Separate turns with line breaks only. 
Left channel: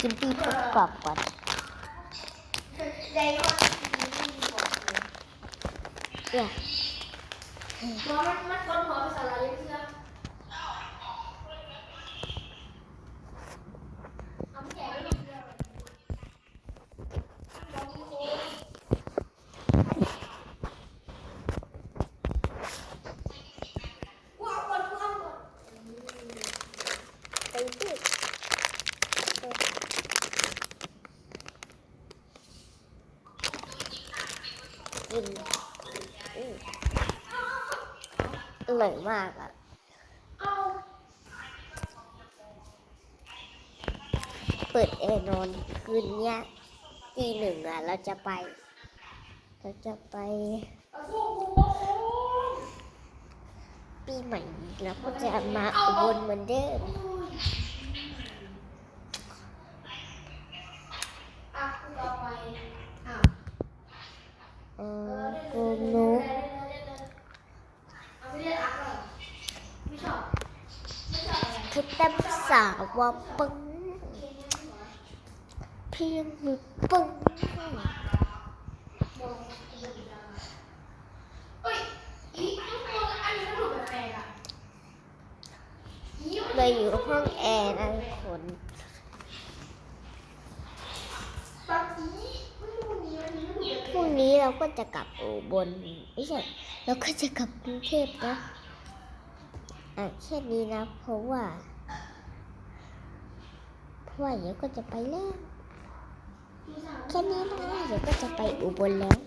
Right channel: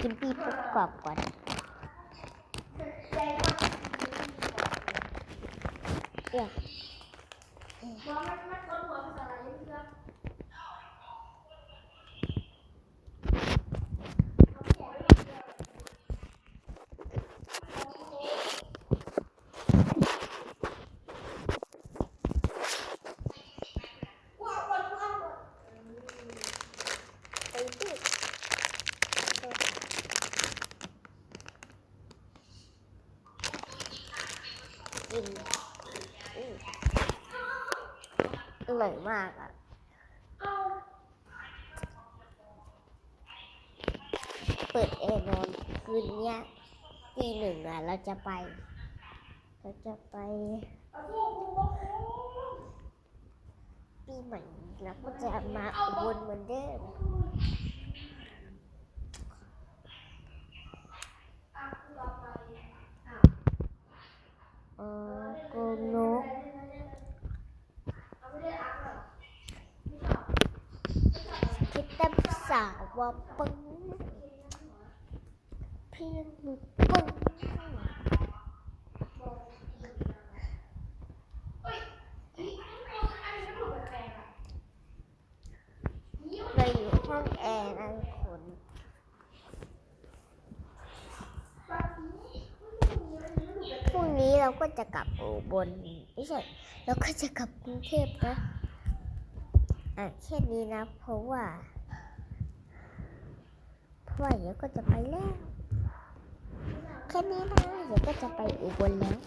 กิน
ปีประกอบก่อนเนี่ย
มันมันคนหัวภาษาอะไรเพื่อนเอาแขนไปเดียวว้าวว้าวว้าว
ไปที่ กินอร่อยมากอะ
เปิ
ดแอร์นอนคืนเนี้ยตีหนึ่งอะ เราจะไป เราจะไป ปีใหม่แล้วก็จะมาอุบลเหมือนเดิม
อะต่อไปอะ
เออโกงนก
เอาไม่ได้อักเหรอไม่ชอบไม่ชอ บอะไร
คิดแต้มสาวว่าปึ้งเพียงมือปึ้ง
เอ้ยอีทุกคนอันนี้ก็ดูแปลกๆอะอี
เราอยู่ห้องแอร์นะทุกคน
บางทีไม่รู้มีอันนี้ก็ดูแปลก
พรุ่งนี้ เราก็จะกลับอุบลไม่ใช่เราก็จะกลับกรุงเทพนะอะแค่นี้นะ เพราะว่า เพราะว่าเดี๋ยวก็จะไปแล้ว แค่นี้นะเดี๋ยวก็จะไปอุบลแล้ว